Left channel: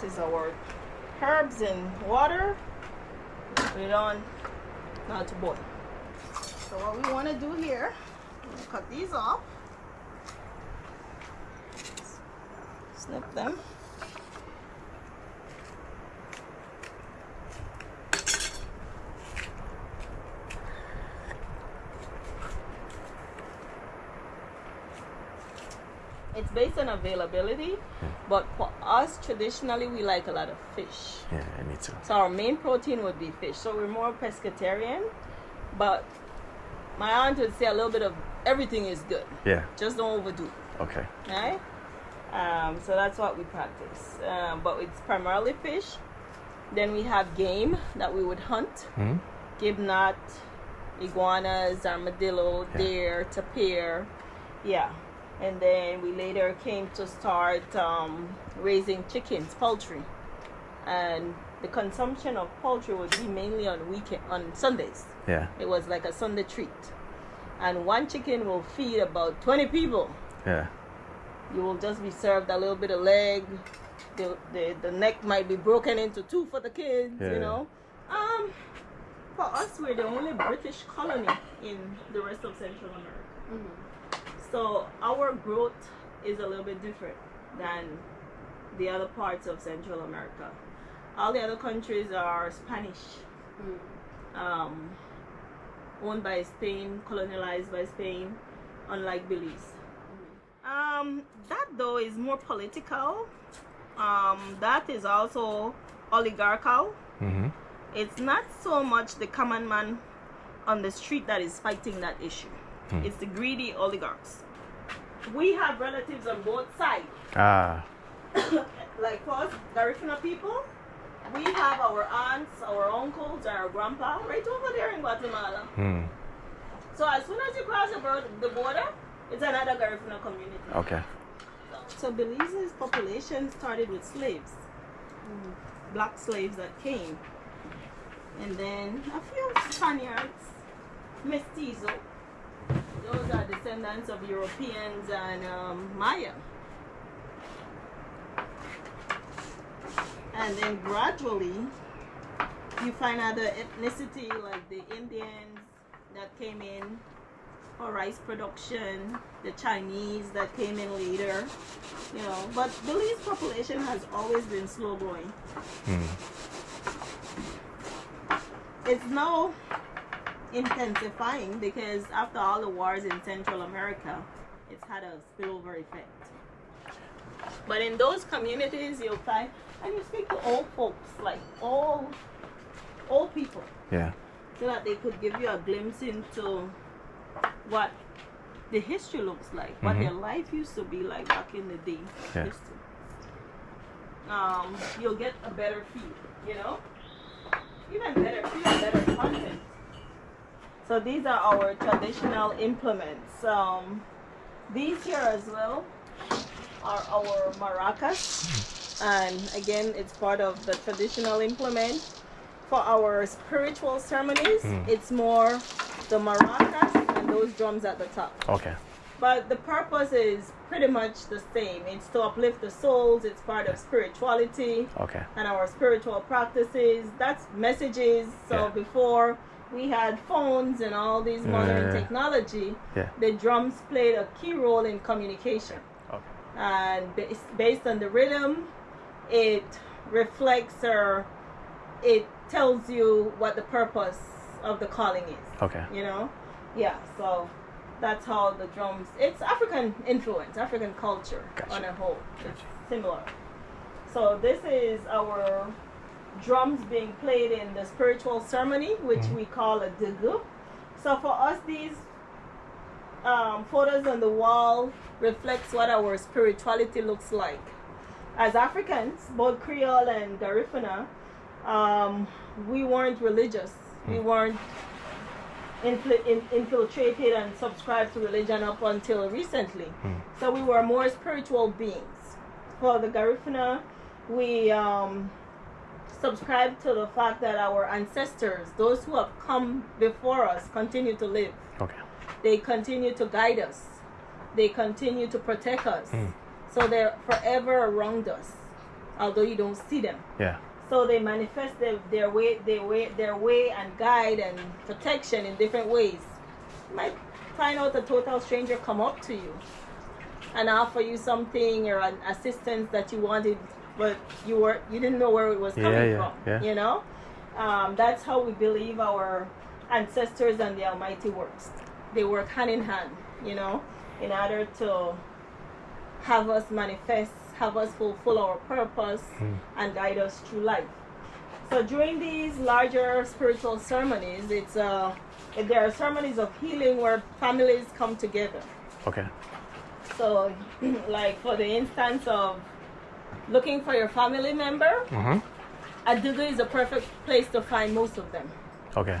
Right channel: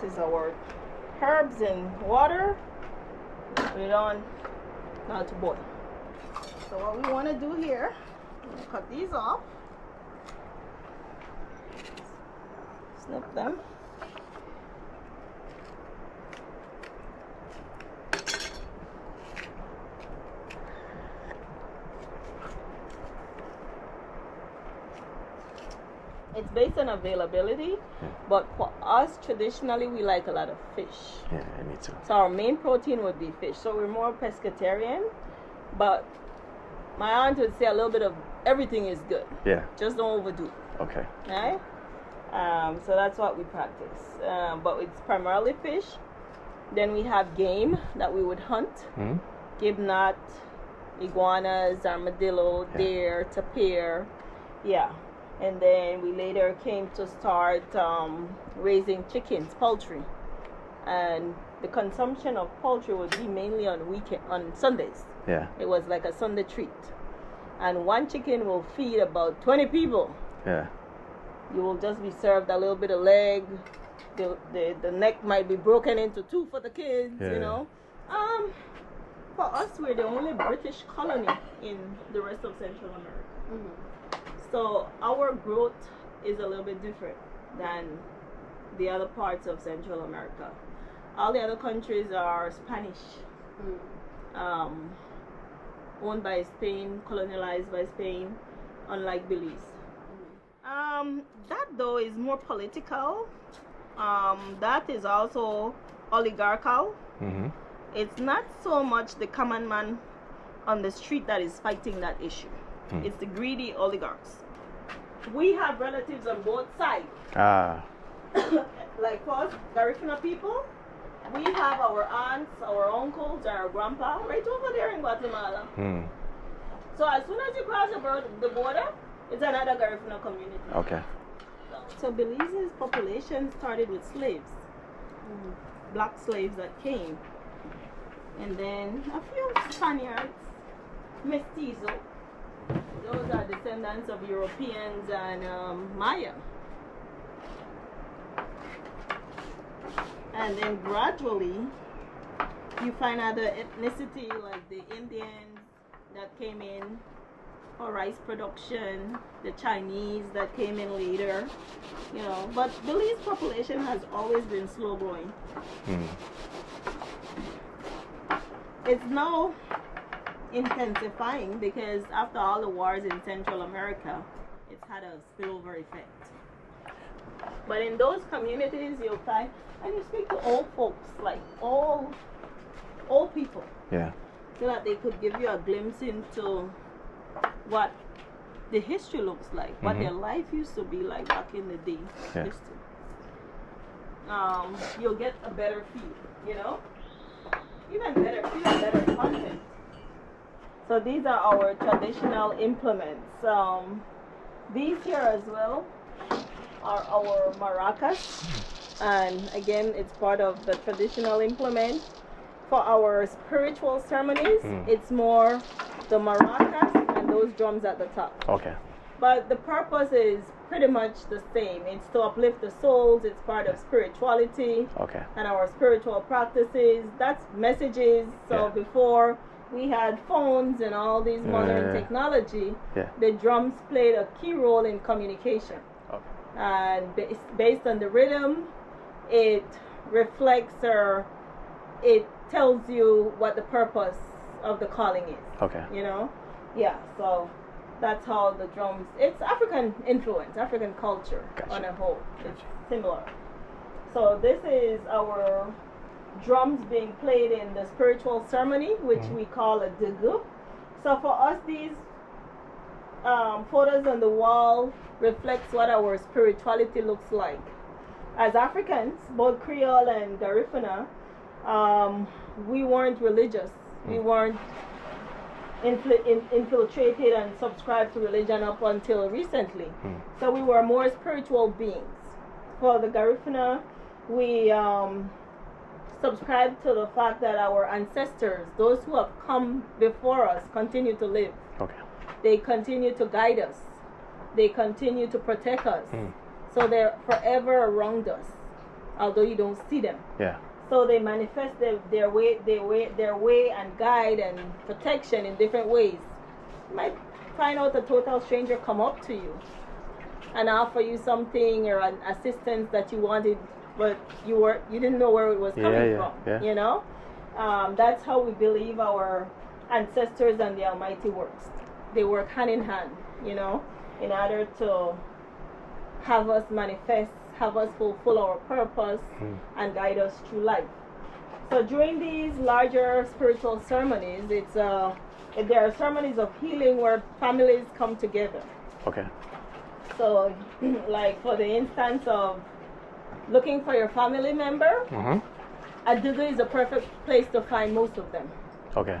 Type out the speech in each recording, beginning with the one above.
This is our herbs and water. Put it on now to boil. So what we want to do here, we're going to cut these off. Snip them. It's based on availability, but for us, traditionally, we like a lot of fish. Yeah, me too. So our main protein would be fish. So we're more pescatarian, but my aunt would say a little bit of everything is good. Yeah. Just don't overdo. Okay. Right? So that's what we practice. But it's primarily fish. Then we have game that we would hunt. Gibnut, iguanas, armadillo, deer, tapir. Yeah. And then we later came to start raising chickens, poultry. And the consumption of poultry would be mainly on Sundays. Yeah. It was like a Sunday treat. And one chicken will feed about 20 people. Yeah. You will just be served a little bit of leg. The neck might be broken into two for the kids, you know. For us, we're the only British colony in the rest of Central America. So our growth is a little bit different than the other parts of Central America. All the other countries are Spanish, owned by Spain, colonialized by Spain, unlike Belize. That though is more political. That is also oligarchical. It's not so much the common man on the street that is fighting that issue. It's the greedy oligarchs. We have relatives on both sides. Like us, Garifuna people, we have our aunts, our uncles, our grandpa right over there in Guatemala. So as soon as you cross the border, it's another Garifuna community. Okay. So Belize's population started with slaves, black slaves that came. And then a few Spaniards, mestizo. Those are descendants of Europeans and Maya. And then gradually, you find other ethnicity like the Indians that came in for rice production, the Chinese that came in later, you know. But Belize population has always been slow growing. It's now intensifying because after all the wars in Central America, it's had a spillover effect. But in those communities, you'll find, and you speak to old folks, like old people, Yeah. so that they could give you a glimpse into what the history looks like, what their life used to be like back in the day. Yeah. You'll get a better feel, you know? Even better content. So these are our traditional implements. These here as well are our maracas. And again, it's part of the traditional implement. For our spiritual ceremonies, it's more the maracas and those drums at the top. Okay. But the purpose is pretty much the same. It's to uplift the souls. It's part of spirituality. Okay. And our spiritual practices. That's messages. So before we had phones and all these modern technology, the drums played a key role in communication. Okay. And based on the rhythm, it reflects or it tells you what the purpose of the calling is. Okay. You know? Yeah, so that's how the drums, it's African influence, African culture on a whole. It's similar. So this is our drums being played in the spiritual ceremony, which we call a dugu. So for us, these photos on the wall reflects what our spirituality looks like. As Africans, both Creole and Garifuna, we weren't religious. We weren't infiltrated and subscribed to religion up until recently. So we were more spiritual beings. For the Garifuna, we subscribe to the fact that our ancestors, those who have come before us, continue to live. Okay. They continue to guide us. They continue to protect us. So they're forever around us. although you don't see them. Yeah. So they manifest their way and guide and protection in different ways. You might find out a total stranger come up to you and offer you something or an assistance that you wanted, but you didn't know where it was coming from. Yeah. You know, that's how we believe our ancestors and the Almighty works. They work hand in hand. You know, in order to have us manifest, have us fulfill our purpose, and guide us through life. So during these larger spiritual ceremonies, there are ceremonies of healing where families come together. Okay. So, like for the instance of looking for your family member, Adugu is a perfect place to find most of them. Okay.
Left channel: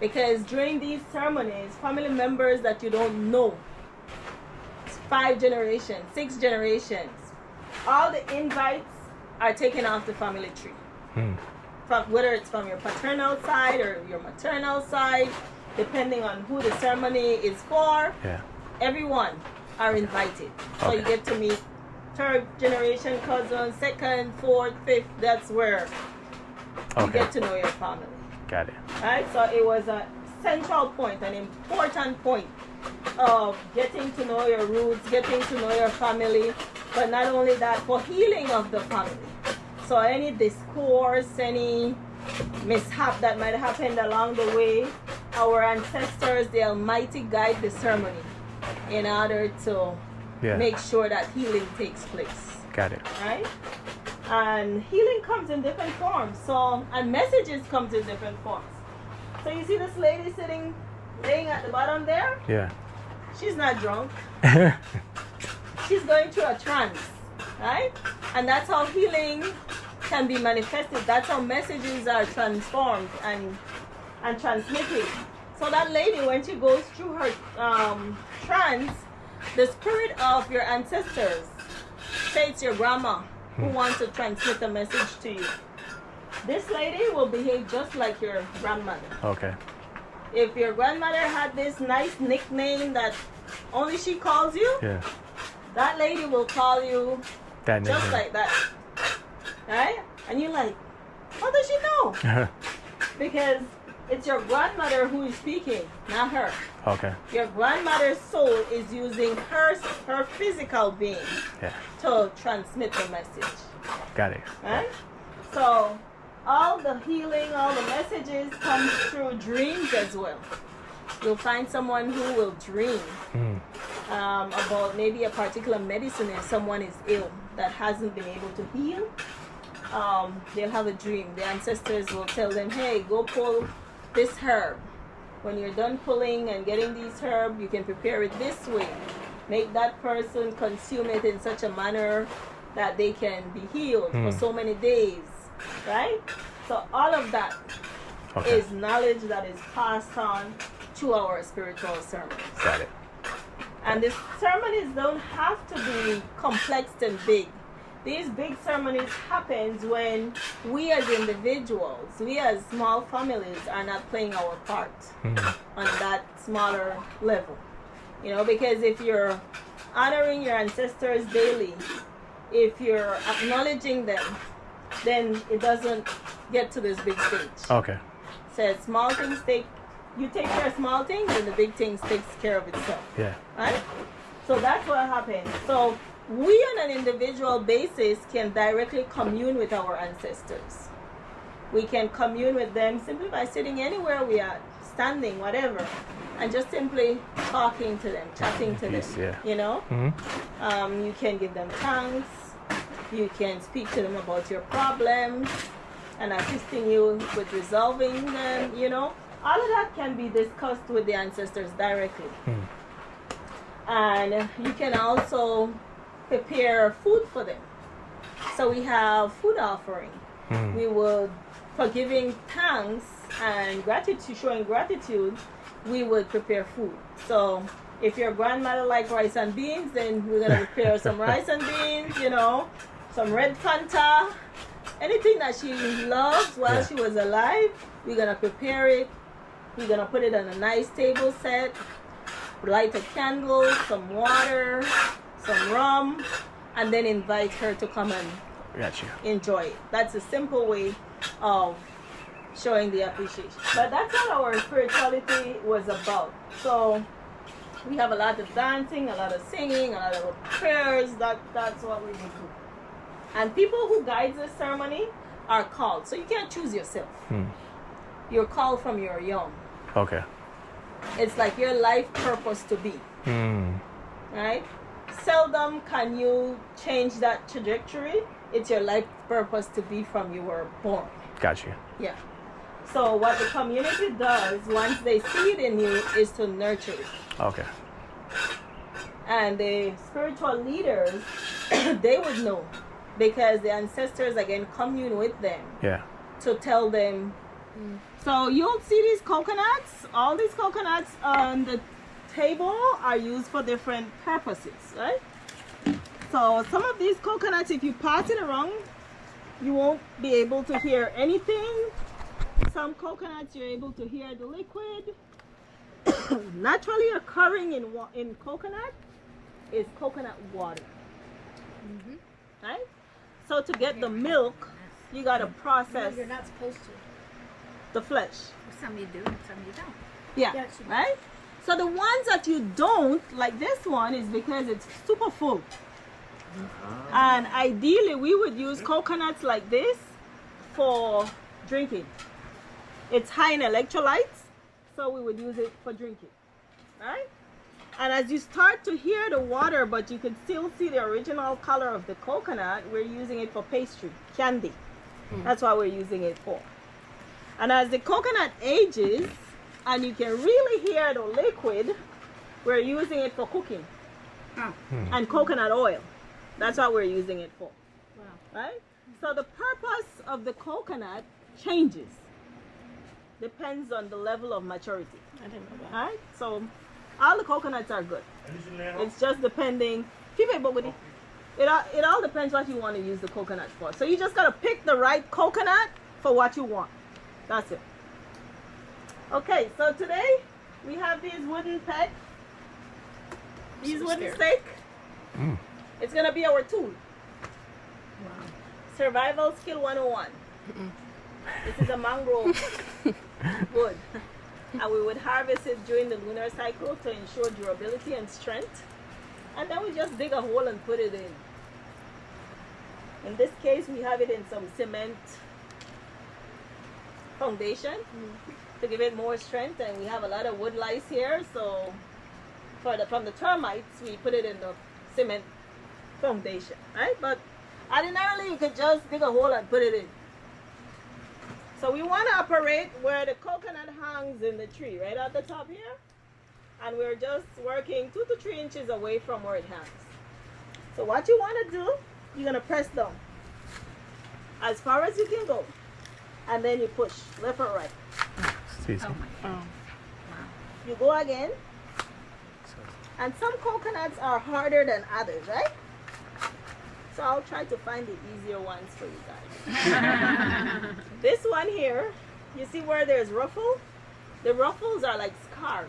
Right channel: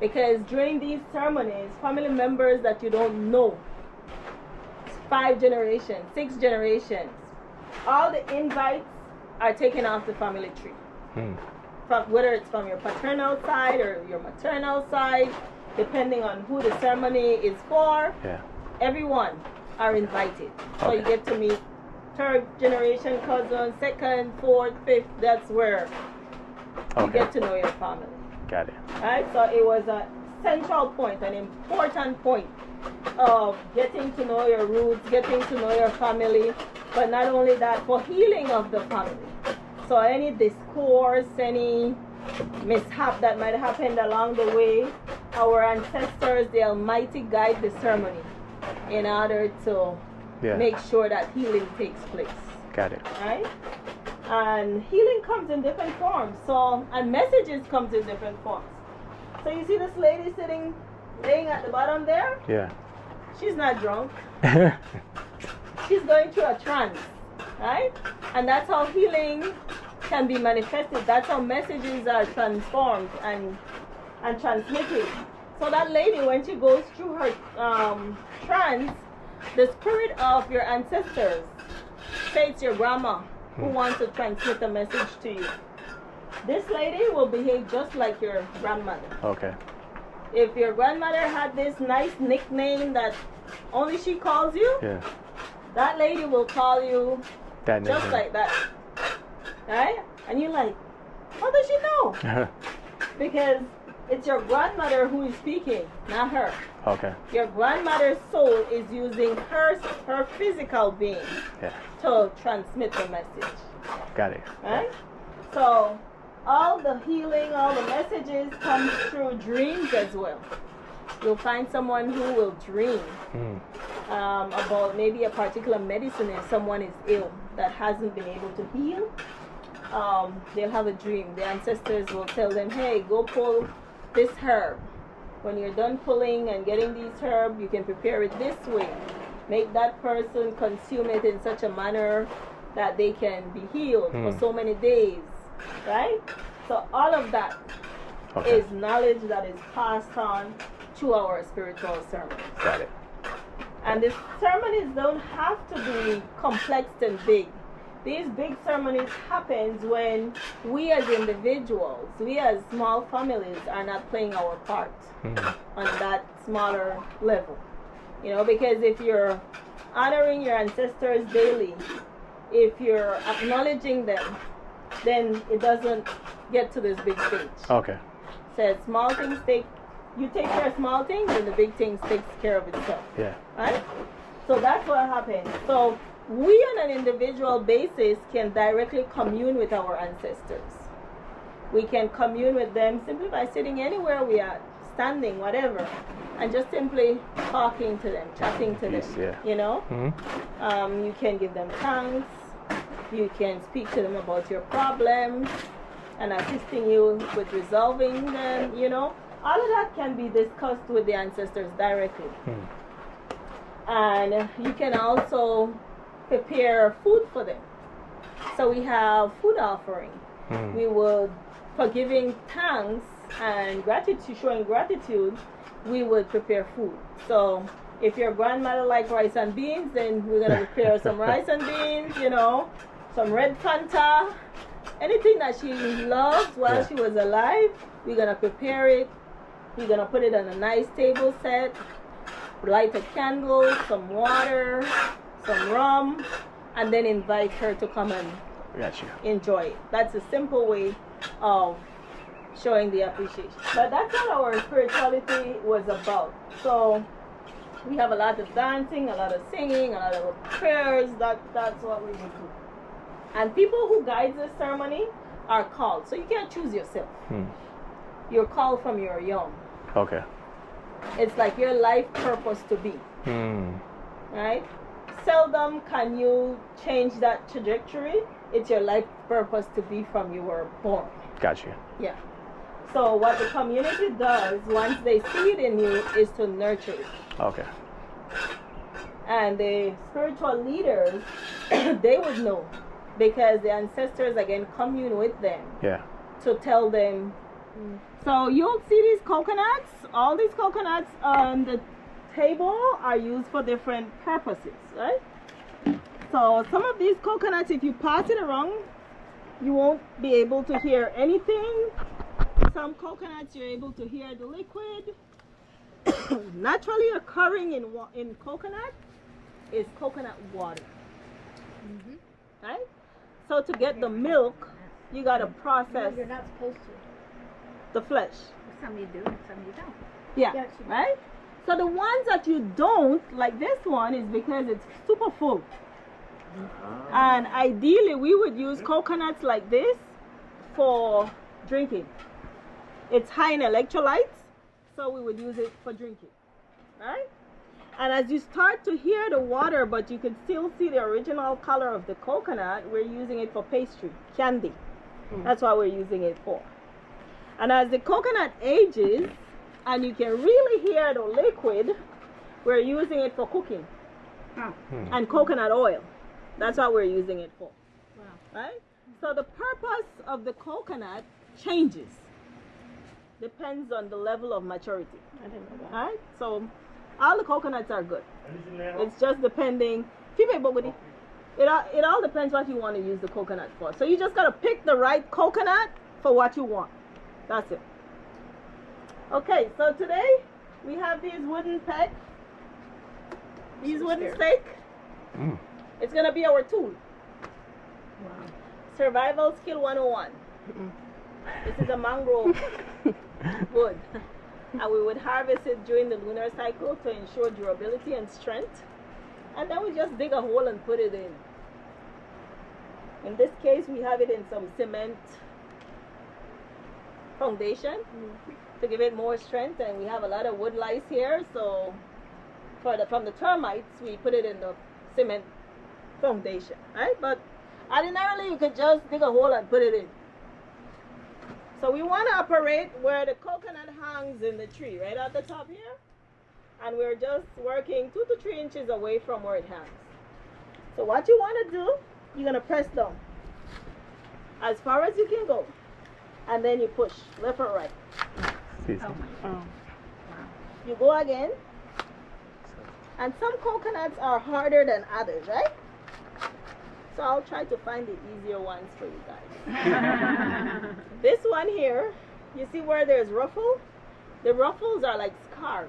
Because during these ceremonies, family members that you don't know, 5 generations, 6 generations, all the invites are taken off the family tree. From, whether it's from your paternal side or your maternal side, depending on who the ceremony is for, everyone are invited. So you get to meet 3rd generation cousins, 2nd, 4th, 5th. That's where you get to know your family. Got it. Right? So it was a central point, an important point of getting to know your roots, getting to know your family, but not only that, for healing of the family. So any discourse, any mishap that might have happened along the way, our ancestors, the Almighty, guide the ceremony in order to make sure that healing takes place. Got it. Right? And healing comes in different forms. So, and messages comes in different forms. So you see this lady laying at the bottom there? Yeah. She's not drunk. She's going through a trance, right? And that's how healing can be manifested. That's how messages are transformed and transmitted. So that lady, when she goes through her trance, the spirit of your ancestors, say it's your grandma who wants to transmit a message to you. This lady will behave just like your grandmother. Okay. If your grandmother had this nice nickname that only she calls you, that lady will call you just like that. Right? And you're like, how does she know? Because it's your grandmother who is speaking, not her. Okay. Your grandmother's soul is using her physical being to transmit the message. Got it. Right? So all the healing, all the messages come through dreams as well. You'll find someone who will dream about maybe a particular medicine if someone is ill that hasn't been able to heal. They'll have a dream. The ancestors will tell them, hey, go pull this herb. When you're done pulling and getting these herbs, you can prepare it this way. Make that person consume it in such a manner that they can be healed for so many days. Right? So all of that is knowledge that is passed on to our spiritual ceremonies. Got it. And the ceremonies don't have to be complex and big. These big ceremonies happens when we as individuals, we as small families are not playing our part on that smaller level. You know, because if you're honoring your ancestors daily, if you're acknowledging them, then it doesn't get to this big stage. Okay. So small things you take care of small things and the big things takes care of itself. Yeah. Right? So that's what happens. So we on an individual basis can directly commune with our ancestors. We can commune with them simply by sitting anywhere we are, standing, whatever, and just simply talking to them, chatting to them. You know? You can give them thanks. You can speak to them about your problems and assisting you with resolving them, you know. All of that can be discussed with the ancestors directly. And you can also prepare food for them. So we have food offering. We would, for giving thanks and gratitude, showing gratitude, we would prepare food. So if your grandmother liked rice and beans, then we're going to prepare some rice and beans, you know, some red Fanta, anything that she loved while she was alive, we're going to prepare it. We're going to put it on a nice table set, light a candle, some water, some rum, and then invite her to come and Gotcha. enjoy it. That's a simple way of showing the appreciation. But that's what our spirituality was about. So we have a lot of dancing, a lot of singing, a lot of prayers. That's what we would do. And people who guide the ceremony are called. So you can't choose yourself. You're called from your young. Okay. It's like your life purpose to be. Right? Seldom can you change that trajectory. It's your life purpose to be from you were born. Gotcha. Yeah. So what the community does once they see it in you is to nurture it. Okay. And the spiritual leaders, they would know because the ancestors again commune with them Yeah. to tell them. So you'll see these coconuts. All these coconuts on the table are used for different purposes, right? So some of these coconuts, if you pass it around, you won't be able to hear anything. Some coconuts you're able to hear the liquid. Naturally occurring in coconut is coconut water. Right? So to get the milk, you gotta process You're not supposed to. the flesh. Some you do and some you don't. Yeah, Yes, you do. right? So the ones that you don't, like this one, is because it's super full. And ideally, we would use coconuts like this for drinking. It's high in electrolytes, so we would use it for drinking, right? And as you start to hear the water, but you can still see the original color of the coconut, we're using it for pastry, candy. That's what we're using it for. And as the coconut ages, and you can really hear the liquid, we're using it for cooking. And coconut oil. That's what we're using it for. Wow. Right? So the purpose of the coconut changes. Depends on the level of maturity. I didn't know that. Right? So all the coconuts are good. It's just depending. It all depends what you want to use the coconut for. So you just gotta pick the right coconut for what you want. That's it. Okay, so today we have these wooden peg. These So wooden scared. stake. Mm. It's gonna be our tool. Wow. Survival skill 101. This is a mangrove wood. And we would harvest it during the lunar cycle to ensure durability and strength. And then we just dig a hole and put it in. In this case, we have it in some cement foundation to give it more strength. And we have a lot of wood lice here, so from the termites, we put it in the cement foundation, right? But ordinarily, you could just dig a hole and put it in. So we want to operate where the coconut hangs in the tree, right at the top here. And we're just working 2 to 3 inches away from where it hangs. So what you want to do, you're going to press down as far as you can go. And then you push left or right. Excuse me. You go again. And some coconuts are harder than others, right? So I'll try to find the easier ones for you guys. This one here, you see where there's ruffle? The ruffles are like scars.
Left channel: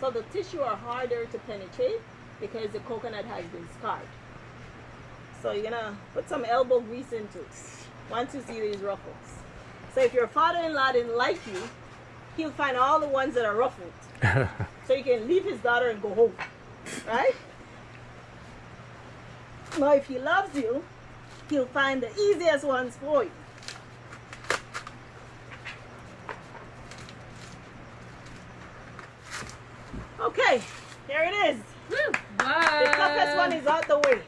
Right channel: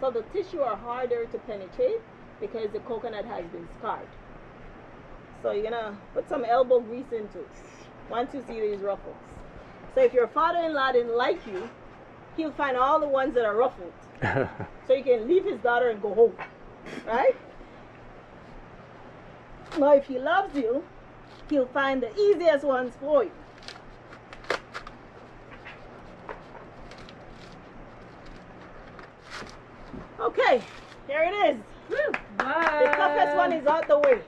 So the tissue are harder to penetrate because the coconut has been scarred. So you're gonna put some elbow grease into it once you see these ruffles. So if your father-in-law didn't like you, he'll find all the ones that are ruffled. So you can leave his daughter and go home, right? Now if he loves you, he'll find the easiest ones for you. Okay, here it is. The toughest one is out the way.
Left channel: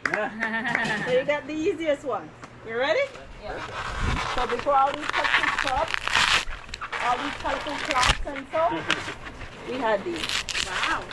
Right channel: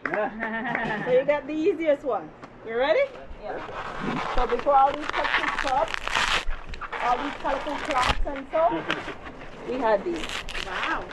So you got the easiest one. You ready? Yeah. So before all these cupcake cups, all these colorful cloths and so, we had these. Wow.